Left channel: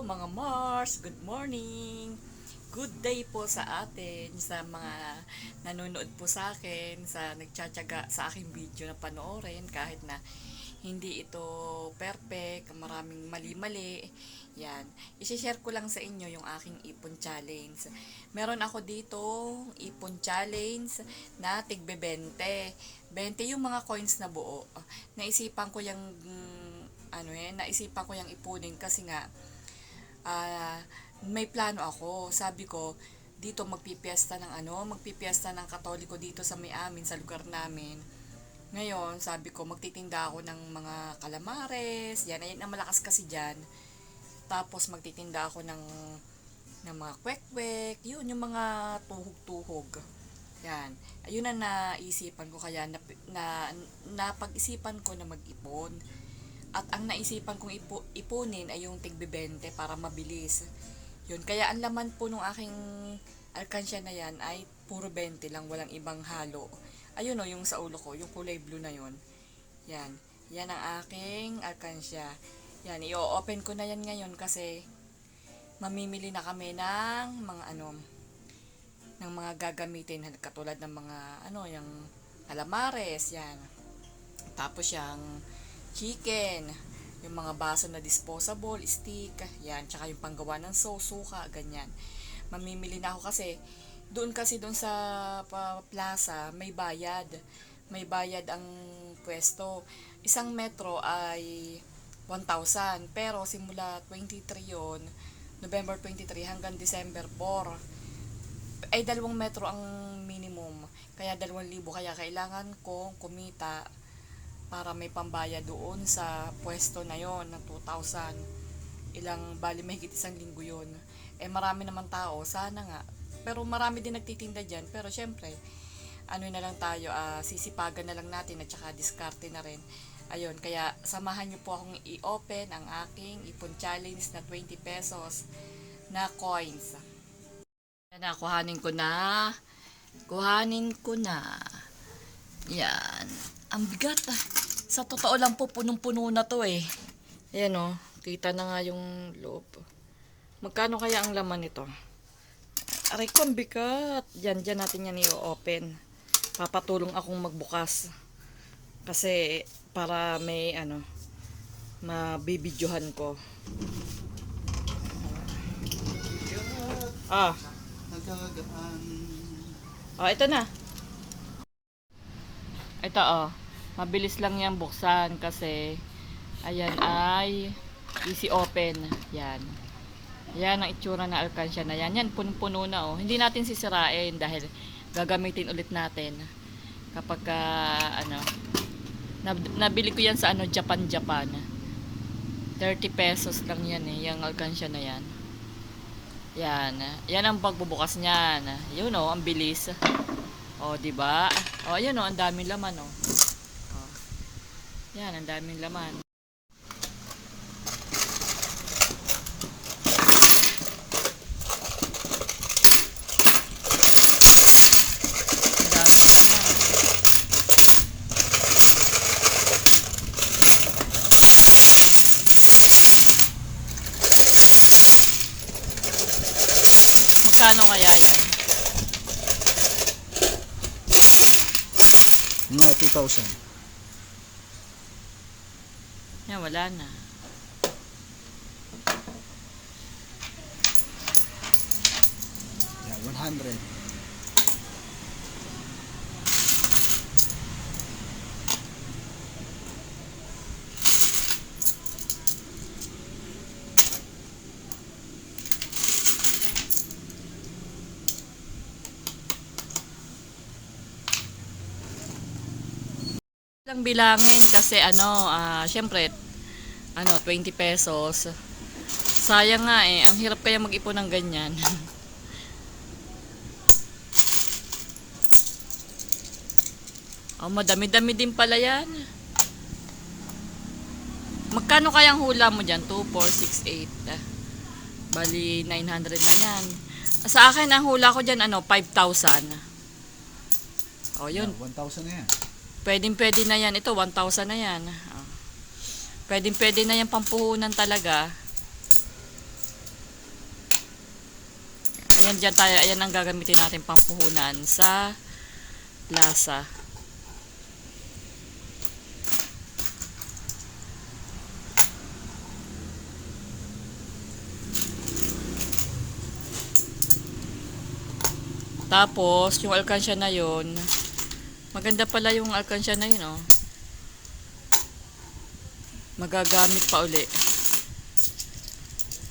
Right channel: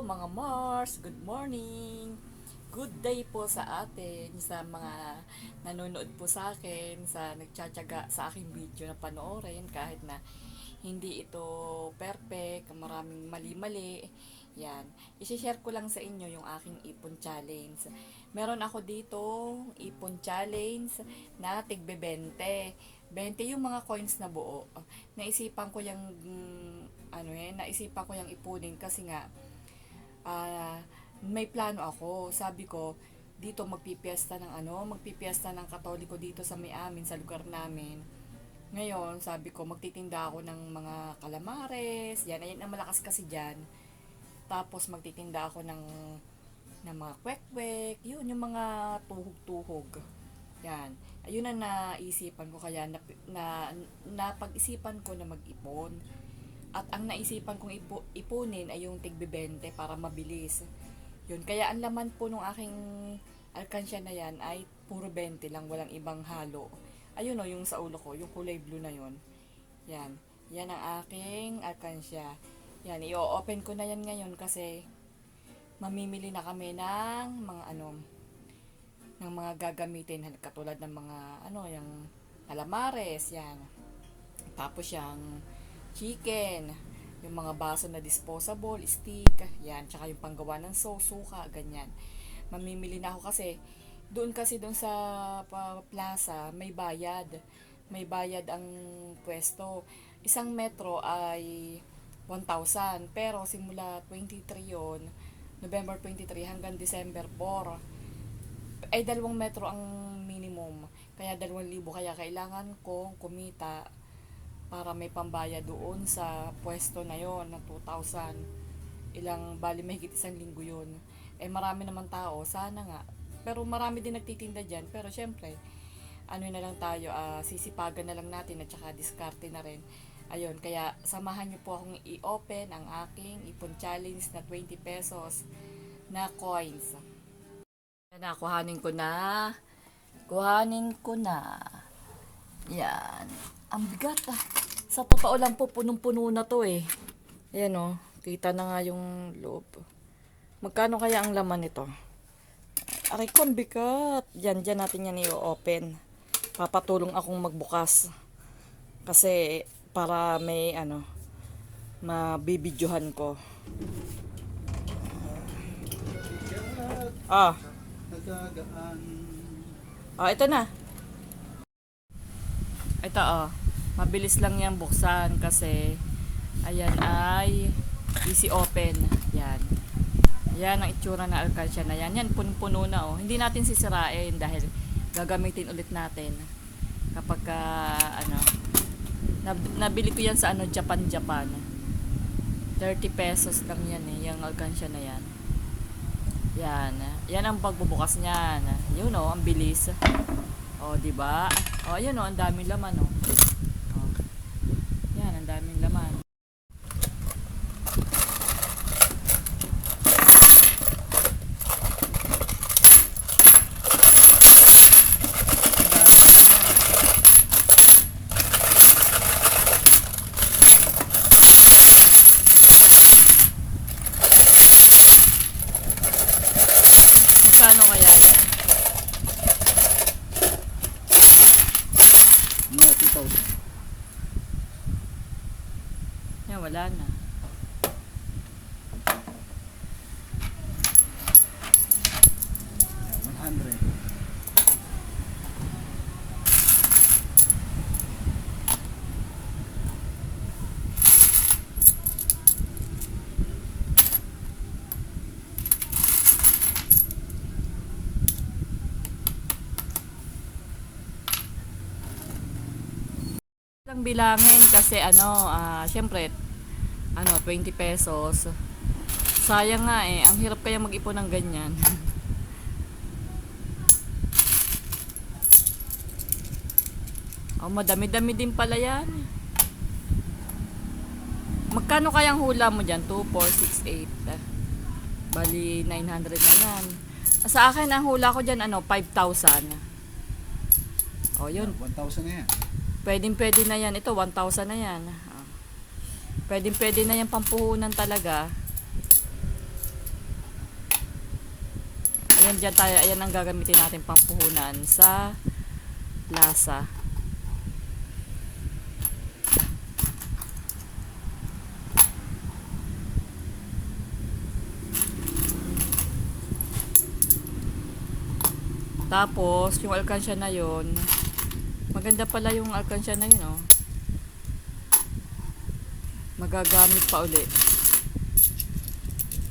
mga Mars, good morning. Good day po sa atin, sa mga nanonood po sa akin, sa nagtsatsaga sa aking video na panoorin kahit na hindi ito perfect, maraming mali-mali. Yan. I-share ko lang sa inyo yung aking ipon challenge. Meron ako dito ipon challenge na tigbe 20. 20 yung mga coins na buo. Naisipan ko yung mm, ano eh, naisipan ko yung ipunin kasi nga ah, may plano ako. Sabi ko, dito magpipiesta ng ano, magpipiesta ng katoliko dito sa may amin, sa lugar namin. Ngayon, sabi ko, magtitinda ako ng mga kalamares, yan, ayan ang malakas kasi dyan. Tapos magtitinda ako ng, ng mga kwek-kwek, yun, yung mga tuhog-tuhog. Yan. Ayun ang naisipan ko kaya na, na, napag-isipan ko na mag-ipon. At ang naisipan kong ipo, ipunin ay yung tigbibente para mabilis. Yun. Kaya ang laman po nung aking alkansya na yan ay puro 20 lang, walang ibang halo. Ayun o, yung sa ulo ko, yung kulay blue na yun. Yan. Yan ang aking alkansya. Yan, i-open ko na yan ngayon kasi mamimili na kami ng mga ano, ng mga gagamitin katulad ng mga ano, yung alamares, yan. Tapos yung chicken, yung mga baso na disposable, stick, yan, tsaka yung panggawa ng sauce, suka, ganyan. Mamimili na ako kasi doon kasi doon sa plaza may bayad. May bayad ang pwesto. Isang metro ay 1,000. Pero simula 23 yon November 23 hanggang December 4 ay dalawang metro ang minimum. Kaya 2,000 kaya kailangan kong kumita para may pambaya doon sa pwesto na yon na 2,000. Ilang bali mahigit isang linggo yun. Eh marami naman tao, sana nga. Pero marami din nagtitinda dyan. Pero syempre, ano na lang tayo, ah, sisipagan na lang natin at saka diskarte na rin. Ayun, kaya samahan niyo po akong i-open ang aking ipon challenge na 20 pesos na coins. Na, kuhanin ko na. Kuhanin ko na. Yan. Ang bigat ah. Sa totoo lang po, punong-puno na to eh. Ayan oh. Kita na nga yung loob. Magkano kaya ang laman nito? Aray ko, ang bigat. Yan, dyan natin yan i-open. Papatulong akong magbukas. Kasi, para may, ano, mabibidyohan ko. Ah, ah, ito na. Ito oh. Mabilis lang yan buksan kasi ayan ay easy open. Yan. Yan ang itsura ng alkansya na yan. Yan, punong-puno na oh. Hindi natin sisirain dahil gagamitin ulit natin kapag ka, ano, nab- nabili ko yan sa ano, Japan, Japan. 30 pesos lang yan eh, yung alkansya na yan. Yan. Yan ang pagbubukas niyan. Yun oh, ang bilis. Oh, di ba? Oh, ayun oh, ang daming laman oh. Ang daming laman. Ang daming laman. Magkano kaya yan? Mga 2,000. Yan, wala na. Yan, 100. lang bilangin kasi ano, ah, syempre, ano, 20 pesos. Sayang nga eh, ang hirap kaya mag-ipon ng ganyan. oh, madami-dami din pala yan. Magkano kayang hula mo dyan? 2, 4, 6, 8. Bali, 900 na yan. Sa akin, ang hula ko dyan, ano, 5,000. Oh, yun. 1,000 na yan. Pwedeng pwede na yan. Ito, 1,000 na yan. Pwedeng pwede na yan pampuhunan talaga. Ayan dyan tayo, ayan ang gagamitin natin pampuhunan sa plaza. Tapos, yung alkansya na yon maganda pala yung alkansya na yun, oh. Magagamit pa uli.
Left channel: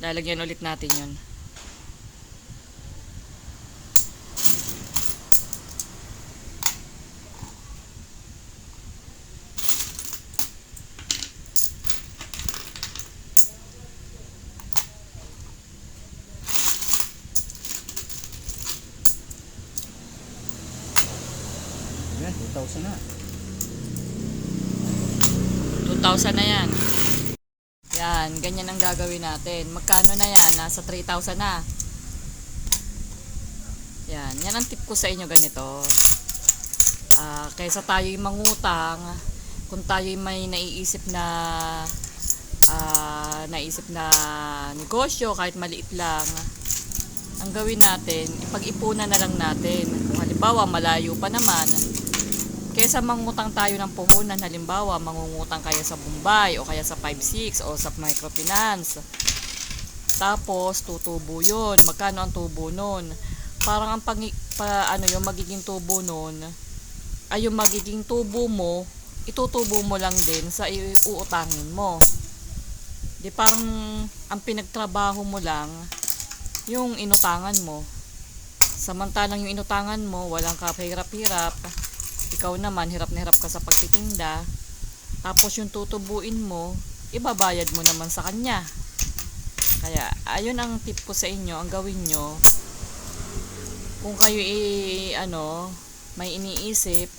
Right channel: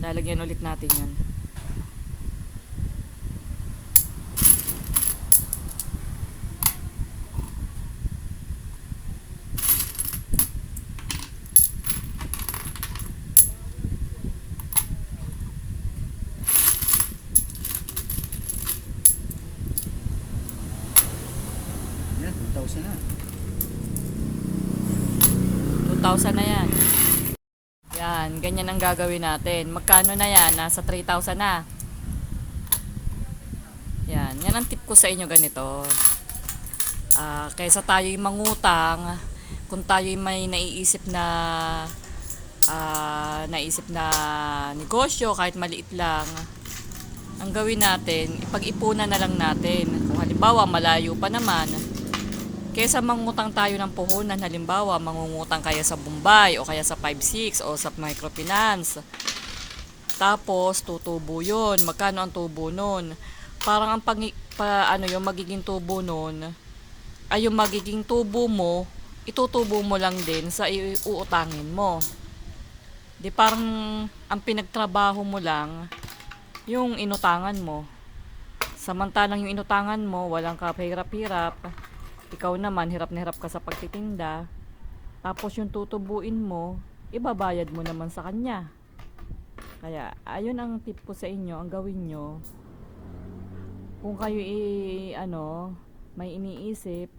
Lalagyan ulit natin yun. Yan, 2,000 na. 2,000 na yan. Yan, ganyan ang gagawin natin. Magkano na yan? Nasa 3,000 na. Yan, yan ang tip ko sa inyo ganito. Ah, kaysa tayo'y mangutang, kung tayo'y may naiisip na ah, naisip na negosyo, kahit maliit lang, ang gawin natin, ipag-ipunan na lang natin. Kung halimbawa, malayo pa naman, Kesa mangutang tayo ng puhunan, halimbawa, mangungutang kaya sa Bombay o kaya sa 5-6 o sa microfinance. Tapos, tutubo yun. Magkano ang tubo nun? Parang ang pag, pa, ano yung magiging tubo nun, ay yung magiging tubo mo, itutubo mo lang din sa iuutangin mo. Di parang ang pinagtrabaho mo lang, yung inutangan mo. Samantalang yung inutangan mo, walang kapahirap-hirap, ikaw naman hirap na hirap ka sa pagtitinda. Tapos yung tutubuin mo ibabayad mo naman sa kanya. Kaya ayun ang tip ko sa inyo ang gawin nyo. Kung kayo i ano may iniisip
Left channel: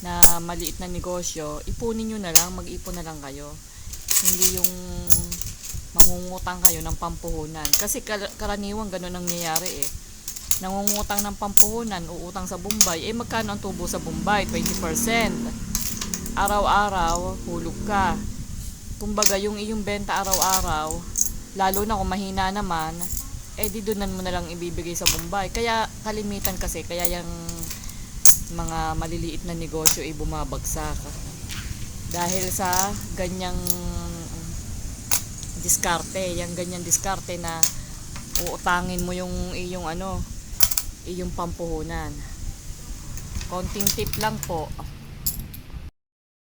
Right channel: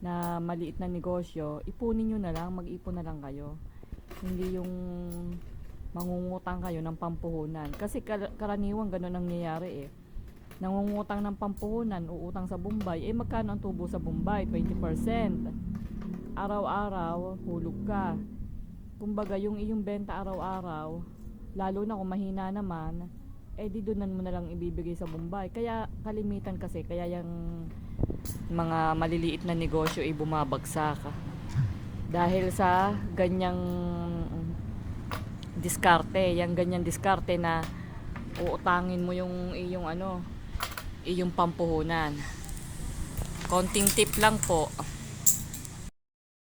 na maliit na negosyo ipunin nyo na lang mag-ipon na lang kayo. Hindi yung mangungutang kayo ng pampuhunan. Kasi kar- karaniwan ganun ang nangyayari eh nangungutang ng pampuhunan, uutang sa Bombay, eh magkano ang tubo sa Bombay? 20%. Araw-araw, hulog ka. Kumbaga, yung iyong benta araw-araw, lalo na kung mahina naman, eh di doon mo na lang ibibigay sa Bombay. Kaya kalimitan kasi, kaya yung mga maliliit na negosyo ay bumabagsak. Dahil sa ganyang diskarte, yung ganyang diskarte na uutangin mo yung iyong ano, iyong pampuhunan. Konting tip lang po.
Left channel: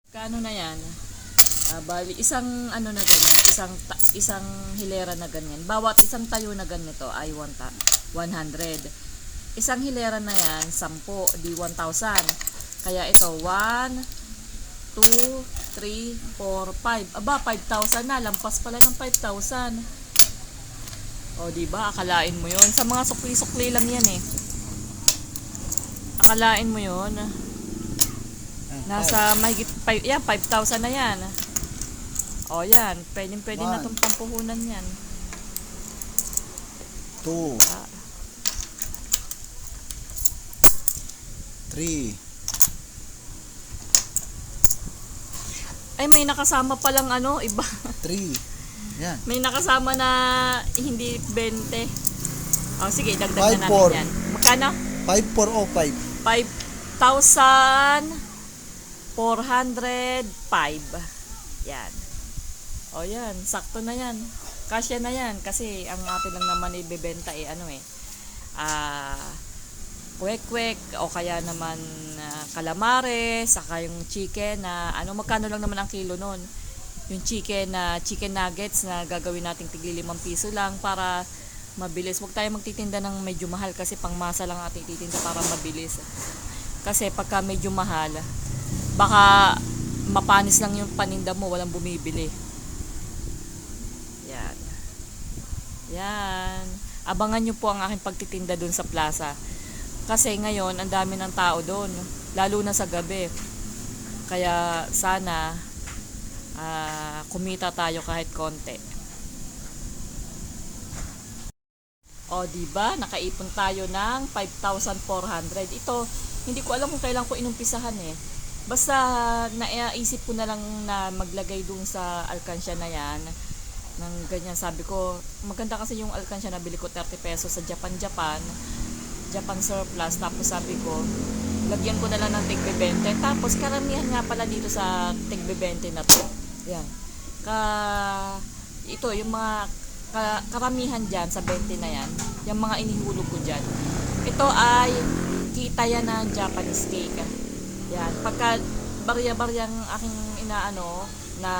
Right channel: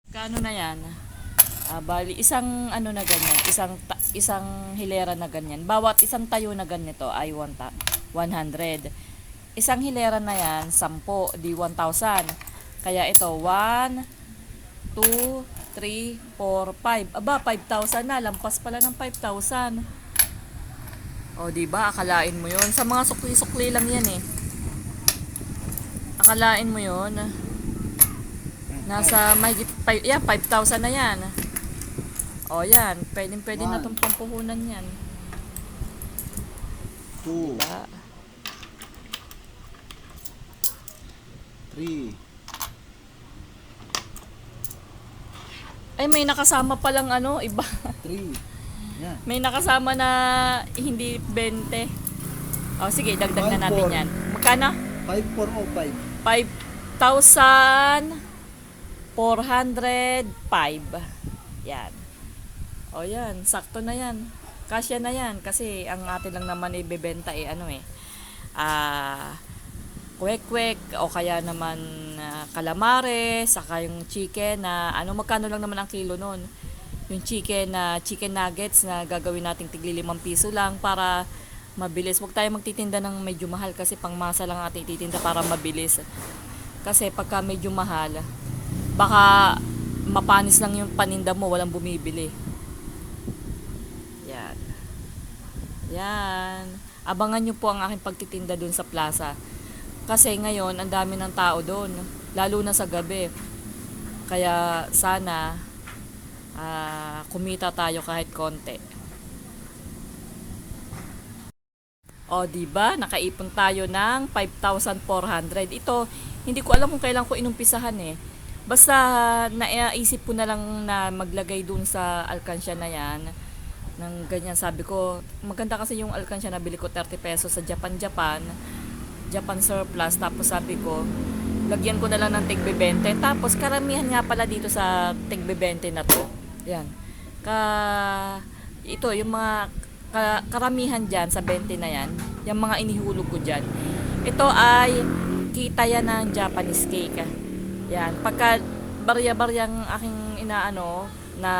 Kano na yan? Ah, bali, isang ano na ganyan, isang isang hilera na ganyan. Bawat isang tayo na ganito ay 1 ta- 100. Isang hilera na yan, 10, di 1,000. Kaya ito, 1, 2, 3, 4, 5. Aba, 5,000 na. Lampas pala ng 5,000. O, di ba? Akalain mo 'yon. Sa mga sukli-sukli lang 'yan eh. Akalain mo 'yon. Nasa mahigit 5, yan, 5,000 na 'yan. O, yan. Pwedeng pwede na One. tong pampuhunan 'yan. 2, Diba? 3, Ay, may nakasama palang ano, iba. 3. Yan. may nakasama na hindi 20. O, sige, dagdag na Five, natin four. yan. Magkano? 5405. 5,405. Yan. O yan, sakto na yan. Kasya na yan kasi ang atin lang naman ibebenta eh ano eh. Ah, kwek-kwek o kaya naman ah, calamares, saka yung chicken na ano magkano lang naman ang kilo nun. Yung chicken na chicken nuggets na gagawin nating tigli limang piso lang para mabilis. Huwag tayo magtitinda ng medyo mahal kasi pangmasa lang ating titinda para mabilis. Kasi pagka medyo mahal, baka mapanis lang yung paninda mo, walang bumibili. Yan. Yan. Abangan nyo po ang aking pagtitinda dun sa plaza. Kasi ngayon, ang dami ng tao doon. Lalo na sa gabi. Kaya sana ah, kumita tayo kahit konti. O, di ba? Nakaipon tayo ng 5,400. Ito, hindi ko alam kung kailan ko inumpisahan eh. Basta naisip ko na lang na maglagay dun sa alkansya na yan ng ganyan. Sabi ko, maganda kasi yung alkansya na bili ko 30 pesos sa Japan Japan. Japan surplus. Tapos sabi ko, lagyan ko na lang ng tigbe 20. Tapos karamihan nga pala dito sa tigbe 20 na to. Yan. Ka, ito, yung mga karamihan dyan sa 20 na yan, yung mga inihulog ko dyan. Ito ay kita yan ng Japanese cake. Yan. Pagka barya-baryang aking inaano na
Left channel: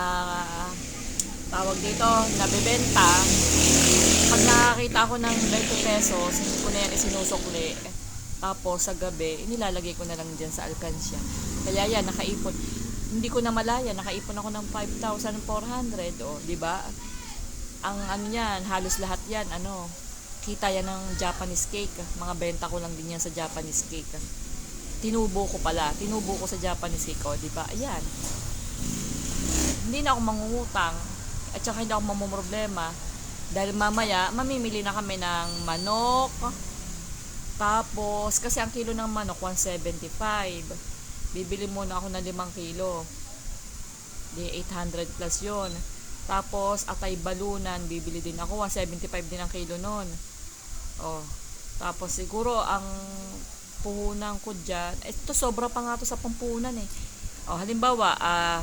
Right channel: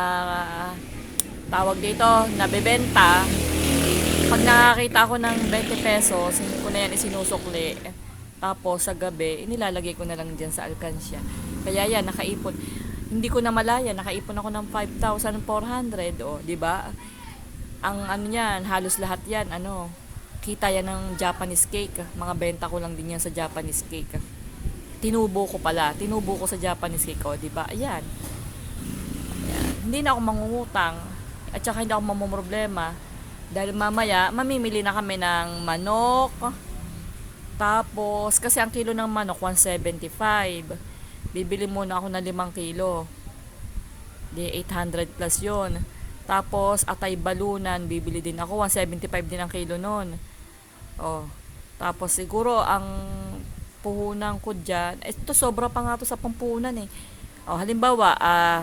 tawag dito, nabebenta, pag nakakita ko ng 20 pesos, hindi ko na yan isinusukli. Tapos sa gabi, inilalagay ko na lang dyan sa alkansya. Kaya yan, nakaipon. Hindi ko na malaya, nakaipon ako ng 5,400, o, di ba? Ang ano yan, halos lahat yan, ano, kita yan ng Japanese cake. Mga benta ko lang din yan sa Japanese cake. Tinubo ko pala, tinubo ko sa Japanese cake, o, di ba? Ayan. Hindi na ako mangungutang at saka hindi ako mamumroblema dahil mamaya mamimili na kami ng manok tapos kasi ang kilo ng manok 175 bibili muna ako ng 5 kilo di 800 plus yon tapos atay balunan bibili din ako 175 din ang kilo nun oh tapos siguro ang puhunan ko dyan ito sobra pa nga to sa pampunan eh oh halimbawa ah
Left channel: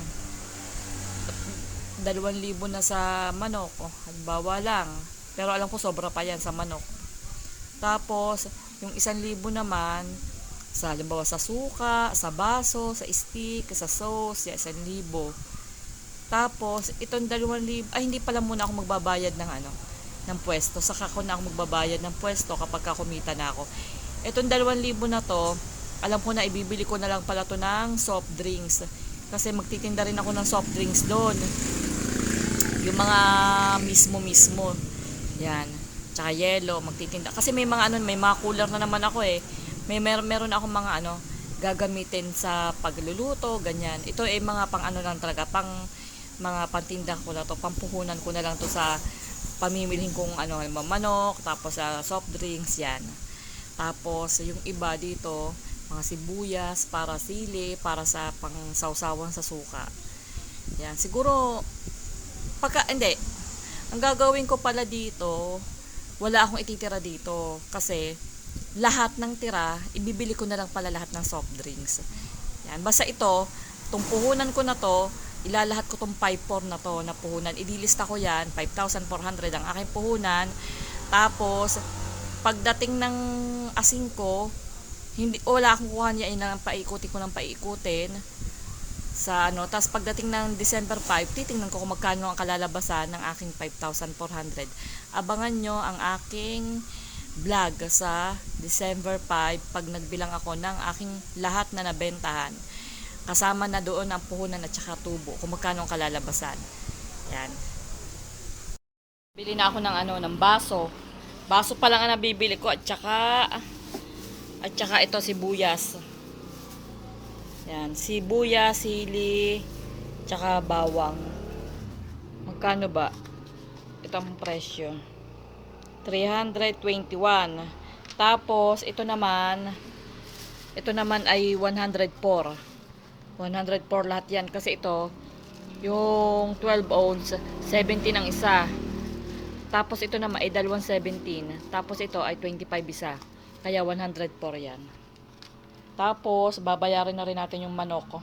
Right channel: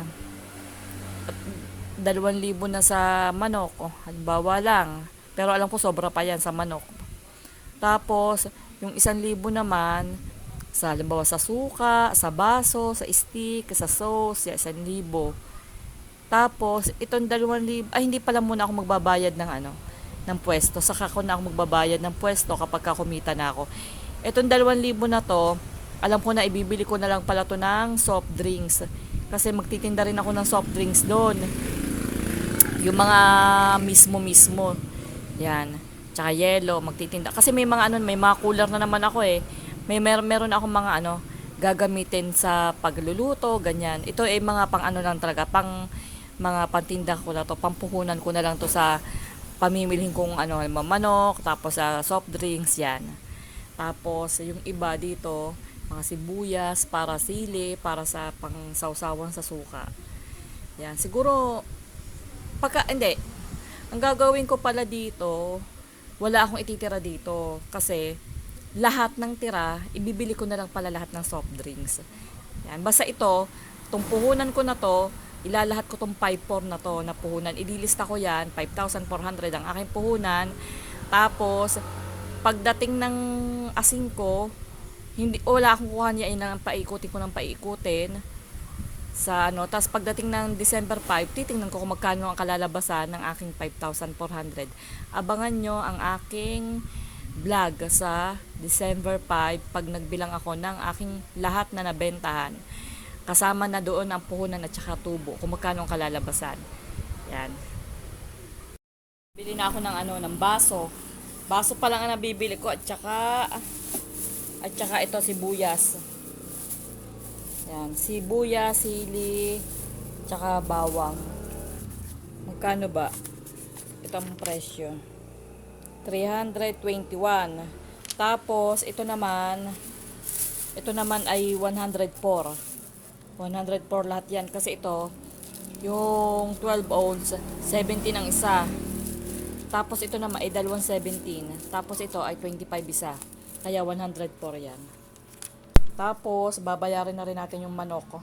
dalawang libo na sa manok. Oh, halimbawa lang. Pero alam ko sobra pa yan sa manok. Tapos, yung isang libo naman, sa halimbawa sa suka, sa baso, sa stick, sa sauce, yan, isang libo. Tapos, itong dalawang libo, ay hindi pala muna ako magbabayad ng ano, ng pwesto. Saka ko na ako magbabayad ng pwesto kapag ka kumita na ako. Itong dalawang libo na to, alam ko na ibibili ko na lang pala to ng soft drinks. Kasi magtitinda rin ako ng soft drinks doon. Yung mga mismo-mismo. Yan. Tsaka yellow, magtitinda. Kasi may mga ano, may mga cooler na naman ako eh. May mer meron ako mga ano, gagamitin sa pagluluto, ganyan. Ito ay mga pang ano lang talaga, pang mga pantinda ko na to, pampuhunan ko na lang to sa pamimilhin kong ano, manok, tapos sa soft drinks, yan. Tapos yung iba dito, mga sibuyas, para sili, para sa pang sausawan sa suka. Yan, siguro pagka hindi ang gagawin ko pala dito wala akong ititira dito kasi lahat ng tira ibibili ko na lang pala lahat ng soft drinks yan basta ito tong puhunan ko na to ilalahat ko tong 5-4 na to na puhunan idilista ko yan 5,400 ang aking puhunan tapos pagdating ng asing ko hindi wala akong kuha niya ng paikutin ko ng paikutin sa ano. Tapos pagdating ng December 5, titingnan ko kung magkano ang kalalabasan ng aking 5,400. Abangan nyo ang aking vlog sa December 5 pag nagbilang ako ng aking lahat na nabentahan. Kasama na doon ang puhunan at saka tubo kung magkano ang kalalabasan. Yan. Bili na ako ng ano, ng baso. Baso pa lang ang nabibili ko at saka at saka ito sibuyas. Yan, sibuyas, sili, tsaka bawang. Magkano ba? Itong presyo. 321. Tapos, ito naman, ito naman ay 104. 104 lahat yan. Kasi ito, yung 12 ounce, 70 ang isa. Tapos ito naman ay dalawang 17. Tapos ito ay 25 isa. Kaya 104 yan. Tapos, babayarin na rin natin yung manok.